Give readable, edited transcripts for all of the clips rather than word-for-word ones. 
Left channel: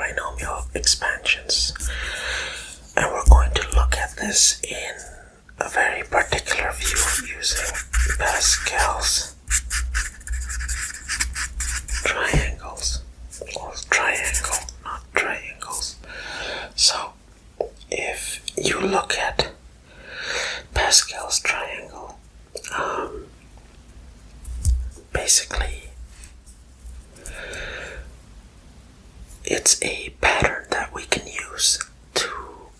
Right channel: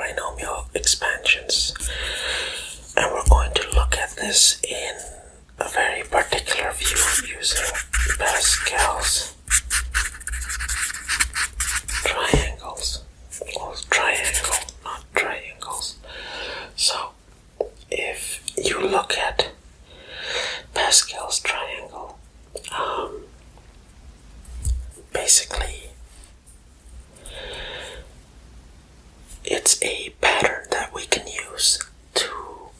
binomial expansions, and we're going to look at this in a very particular view using Pascal's triangles. Well, triangle, not triangles. So, if you look at Pascal's triangle, basically it's a pattern that we can use to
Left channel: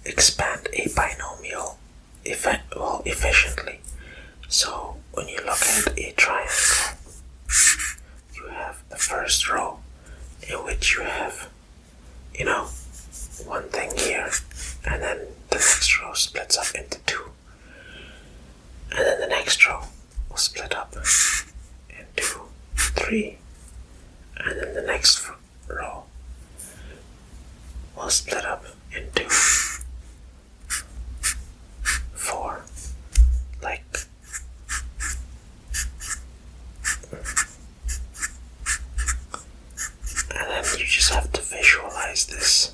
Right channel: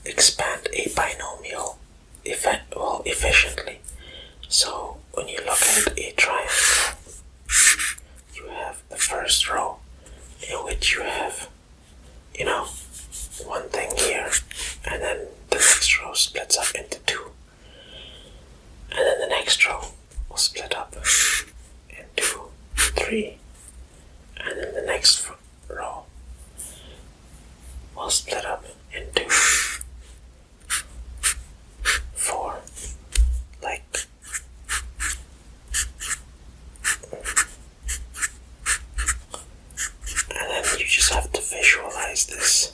expand a binomial efficiently. So when you look at a triangle, you have the first row in which you have, one thing here, and then the next row splits up into two, and then the next row will split up into three, and then the next row will split up into four, like and then you just have to visualize this.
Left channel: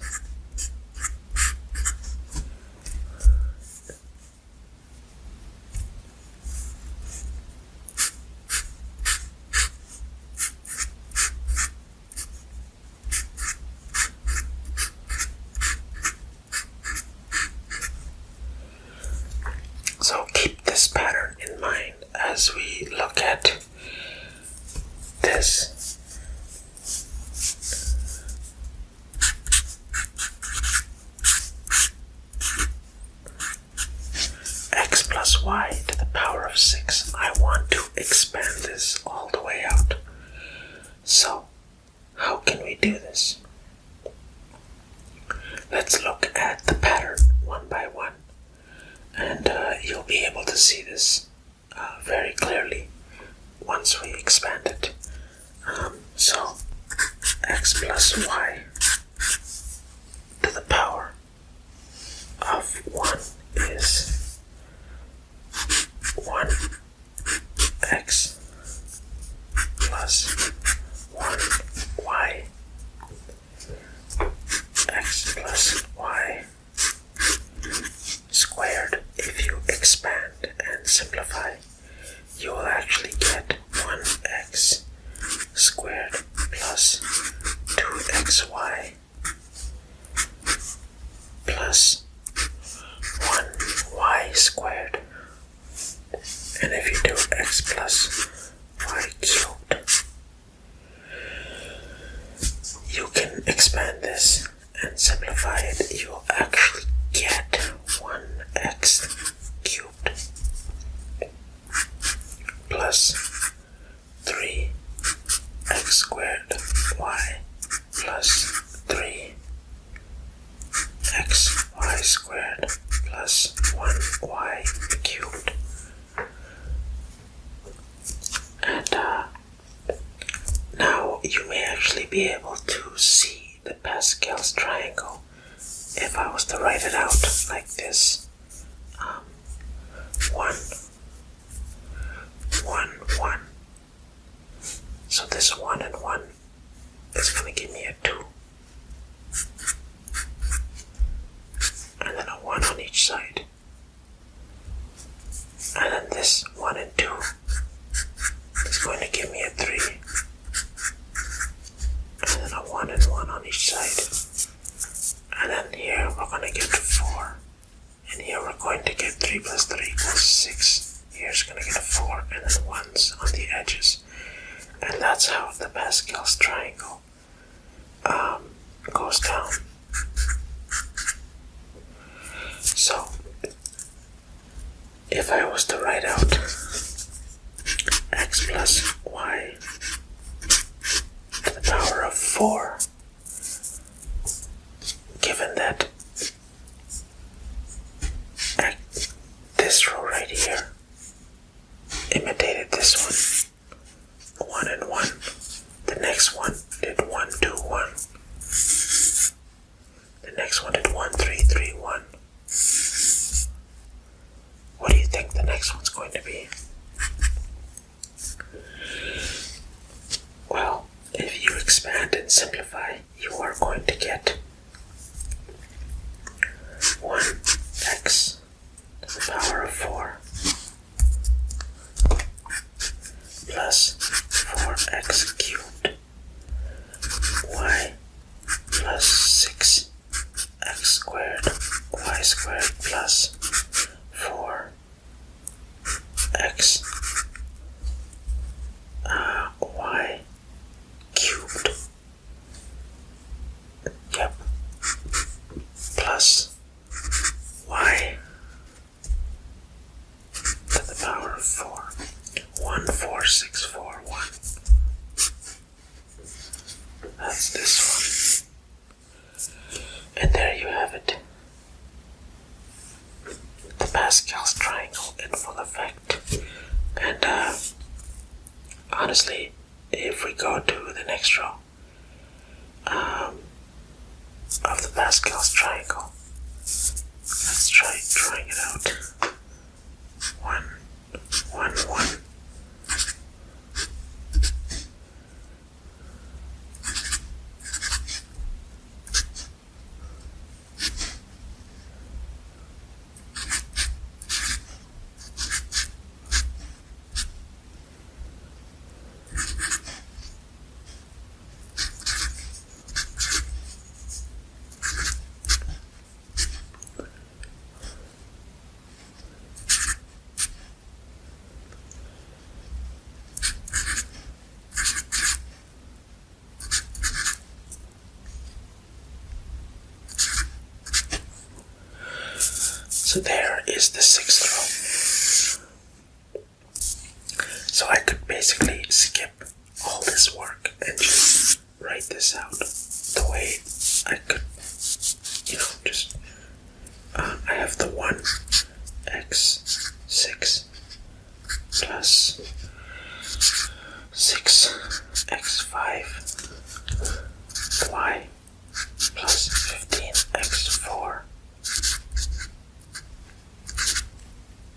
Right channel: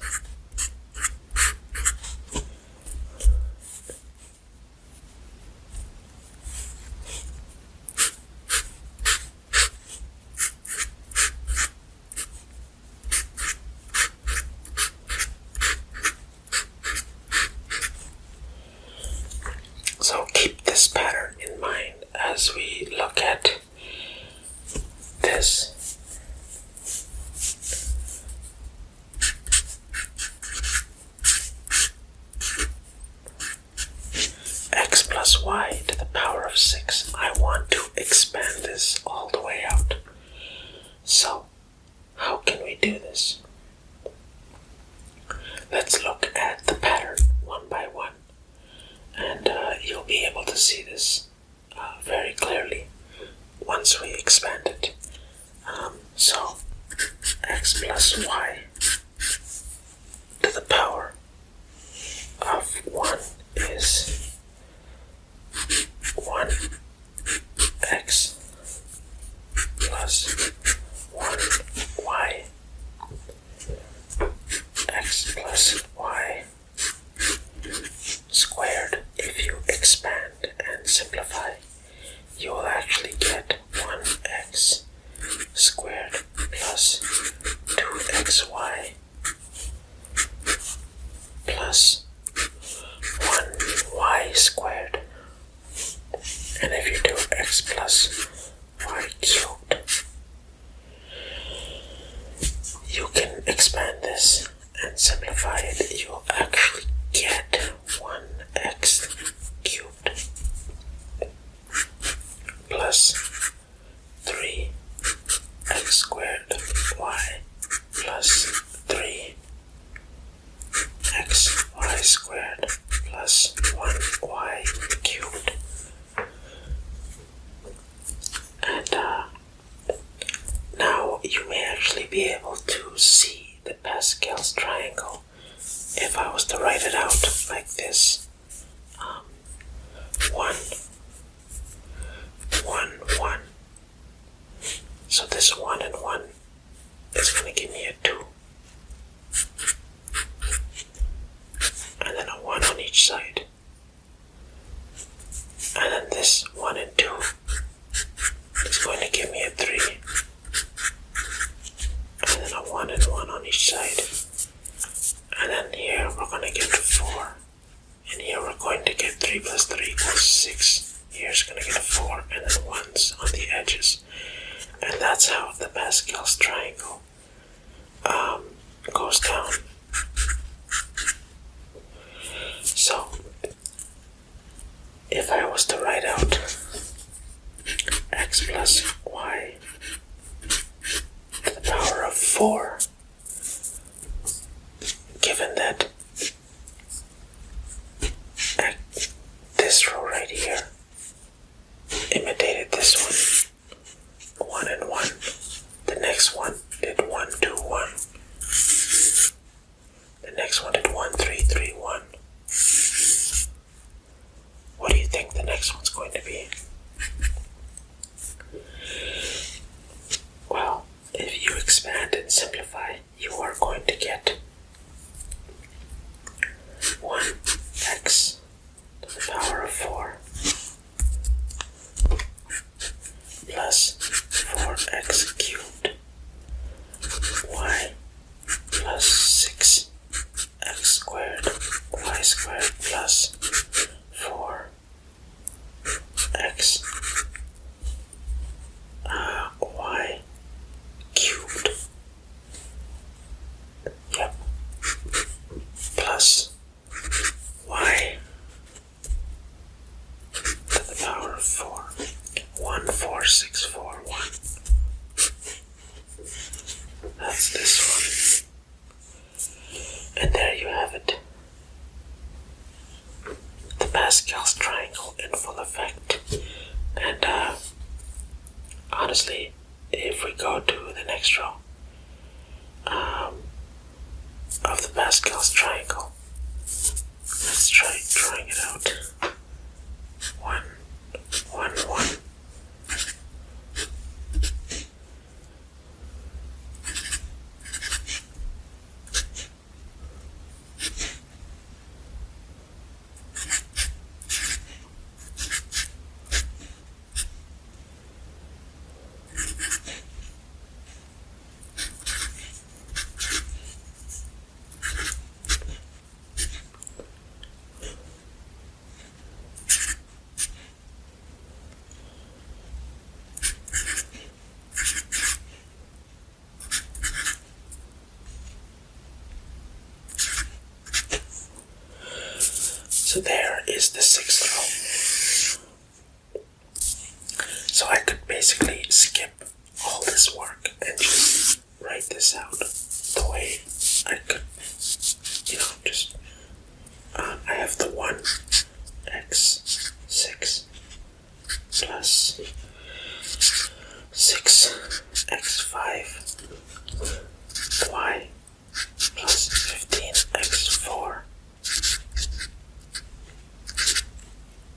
So keep this pattern in mind as we look at this. X plus y to the power of 6. I want to expand this all the way out. So, how can we do this? Let's look at the pattern one by one. And you'll be able to see this very clearly once we expand it. So, x plus y to the power of 1 is 1x plus 1y. X plus y squared. If you expand and simplify, you will actually get 1x squared plus 2xy plus 1y squared. And if you do x plus y cubed, you can expand this and simplify it. You'll actually get 1x cubed plus 3x squared y plus 3xy squared plus 1y cubed. And now you may actually be able to see the Pascal's triangle if I was to write it out like this. 1, 1, 1. So this 1 and 1 is going to give me a 2. And then a 1 on each side. And then this 1 and 2 is going to give me a 3. And then a 1 and 1 on each side. And then here we're going to get 4. And here we're going to get 3 plus 3 equals 6. Here's going to get a 4 and then 1s on the edges. And that's how the Pascal's triangle goes down. So, if I was to write out x plus y to the power of 4, given that this row right here imitated this one, 1 and 1, the next one did 1, 2, 1, the next one did 1, 3, 3, 1. What do you think the next one's going to be? Well, if you expand expand and simplify, you are going to get 1x to the power of 4 plus 4x cubed y plus 6x squared y squared plus 4x y cubed, yep, plus y to the power of 4, 14641. That's this one. And there you have it. The Pascal's triangle in full effect. And honestly, if we go to the next row of the Pascal's triangle, let's try drawing it out. 1, 1, 1. So there is the 6th row. So I could basically skip all this work and just write this out the way I could, just, I have the 1x6 plus 6x5 y plus 15x4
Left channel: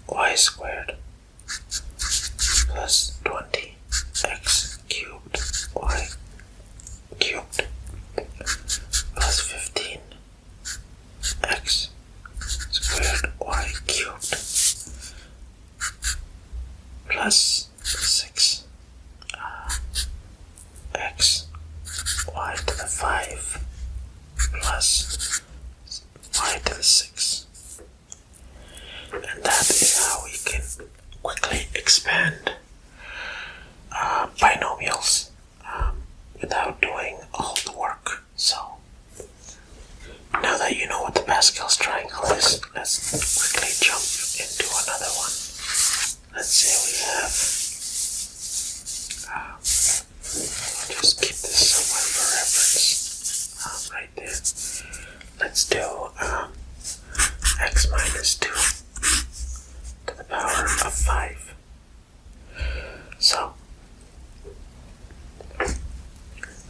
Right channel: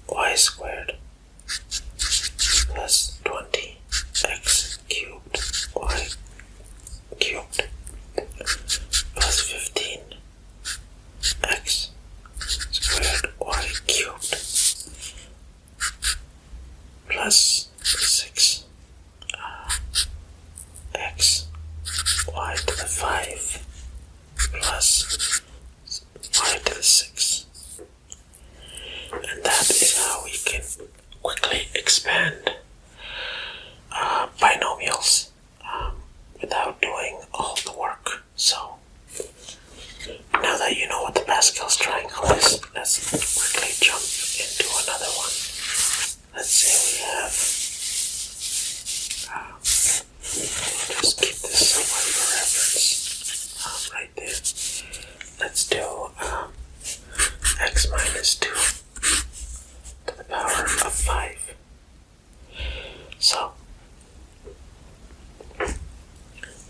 y squared plus 20x cubed y cubed plus 15x squared y cubed plus 6 x y to the 5 plus y to the 6. And that is how we can quickly expand binomials without doing all the work. So now that you know what the Pascal's triangle is, let's quickly jump into another one. Let's say we have, we'll just keep this somewhere for reference, right there. Let's do x minus 2 to the power of 5. So,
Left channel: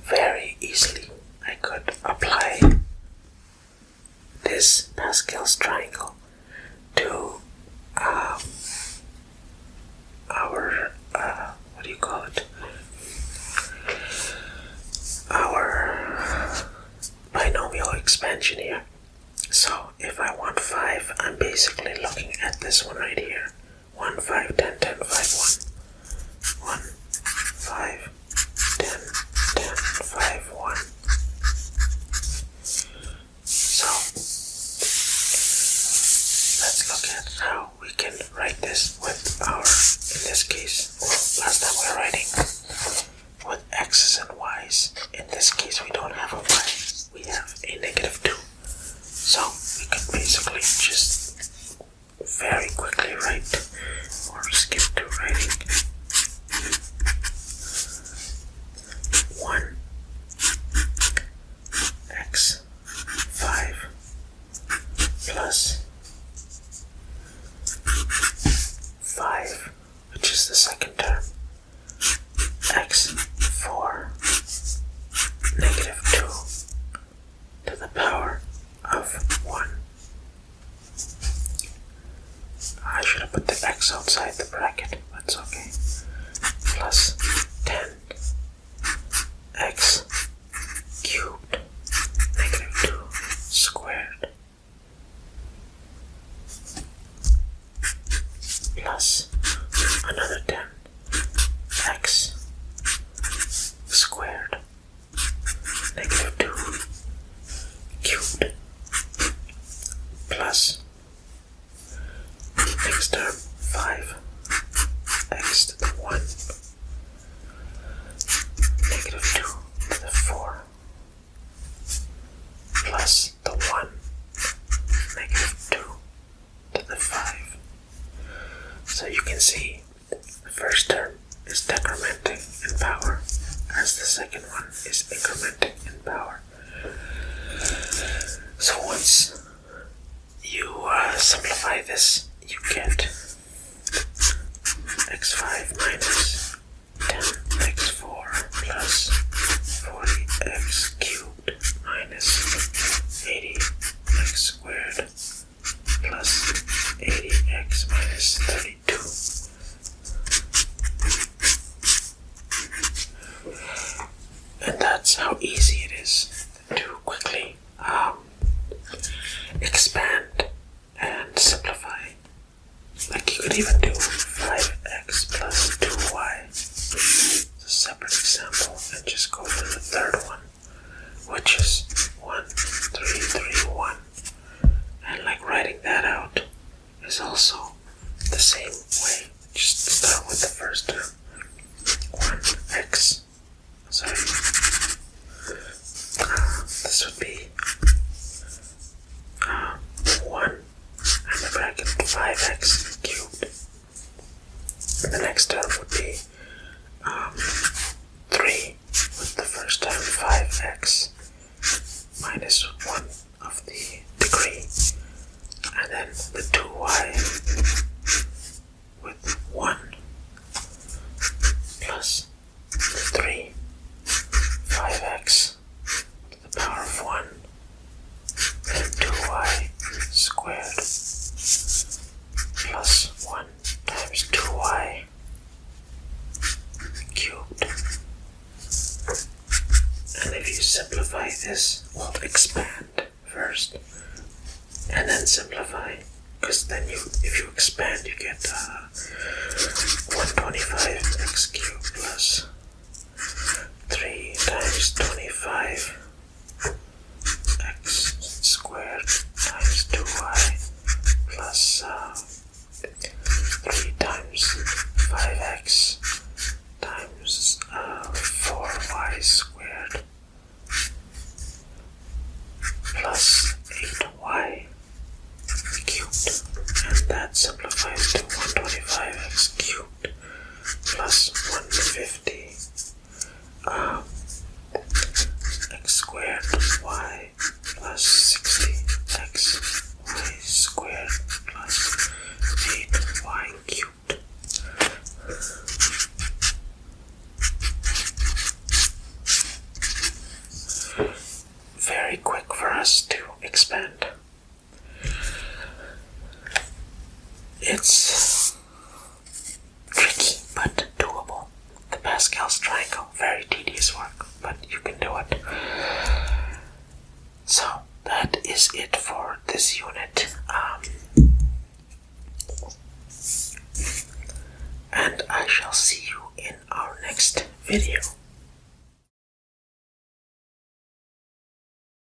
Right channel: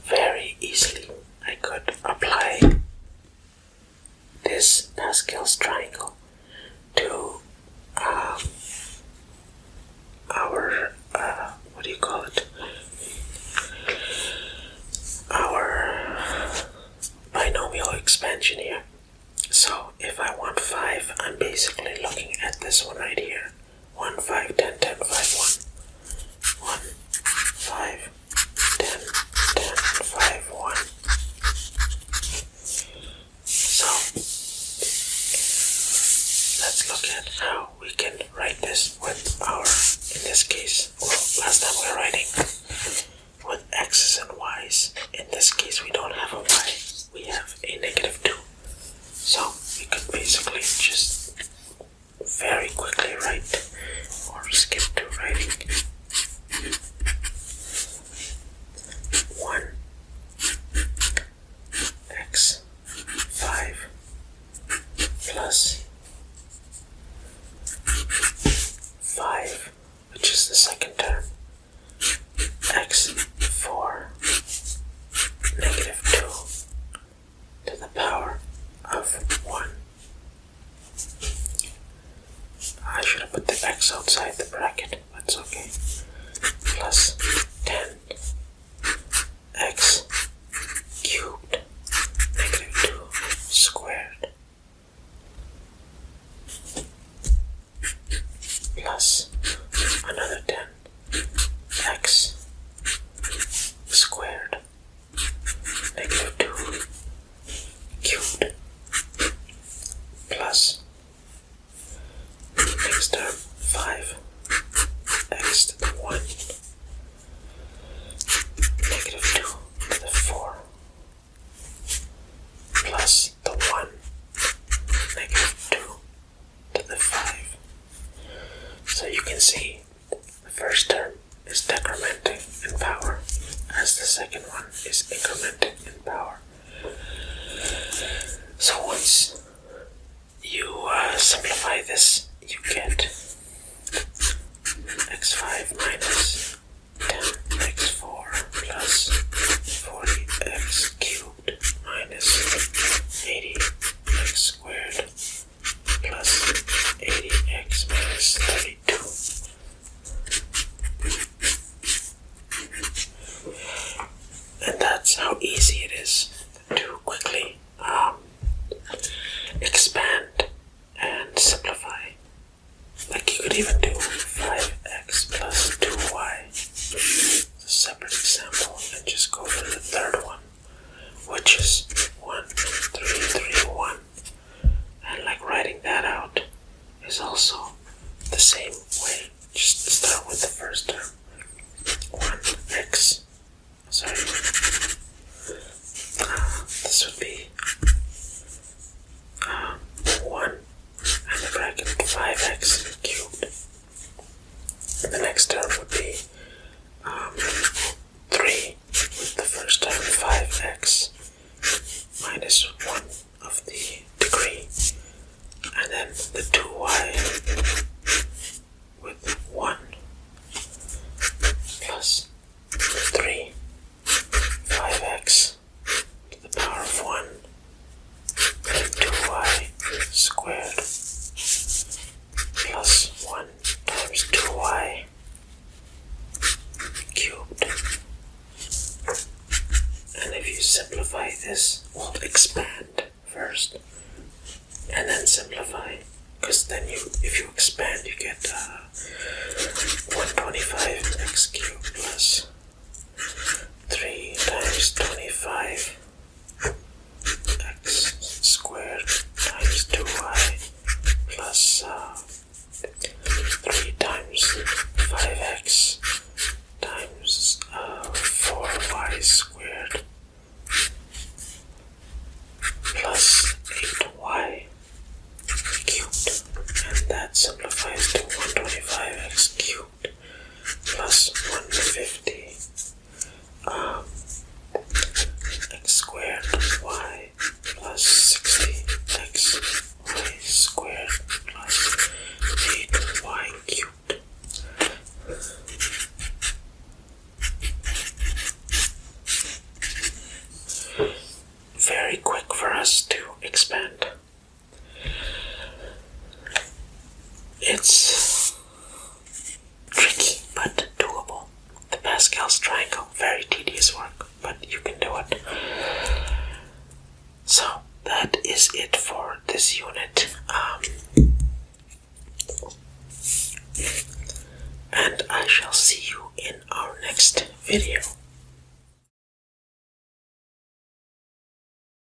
very easily I could apply this Pascal's triangle to our, what do you call it? Our binomial expansion here. So if I want 5, I'm basically looking at this one right here. 1, 5, 10, 10, 5, 1. 1, 5, 10, 10, 5, 1. So let's look at how we can write this with our, in this case, well, last time we were writing with x's and y's. In this case, we don't have a y, we have a negative 2. So we can basically just very quickly write, or skip to writing, 1x5 plus 5, which is the second term, x4 negative 2 to the power is incrementing in power. So once you simplify this, you get x5 minus 10x4 plus 40x cubed minus 80x squared plus 80x minus 32. And that's how easy it is to quickly expand and simplify. Like you could even do 5x plus 2y, a separate example, and just go for the third one, which is 1, 3, 3, 1. And like writing that out is also the same way. Just start with the first term. 1x, sorry, this would be 1 and the bracket 5x cubed. And the next term would be 3 with the first term 5x minus 1 of the degree, and then the 2y with 1 plus 3 5x to the power of 1 and 2y squared plus 1 times 2y cubed. And if you simplify this, we'll expand first and then simplify, because then if you expand you get 125x cubed plus 3 times 25 x squared times 2y plus 3 times 5x times 4y squared plus 8y cubed, and that simplifies to 125x cubed plus 150 x squared y plus 60x y squared plus 8y cubed. Very quick for us to expand. It's tricky but doable. The Pascal's triangle, very tedious work, but you can do it. So that is it for this unit. And I shall see you in our next video.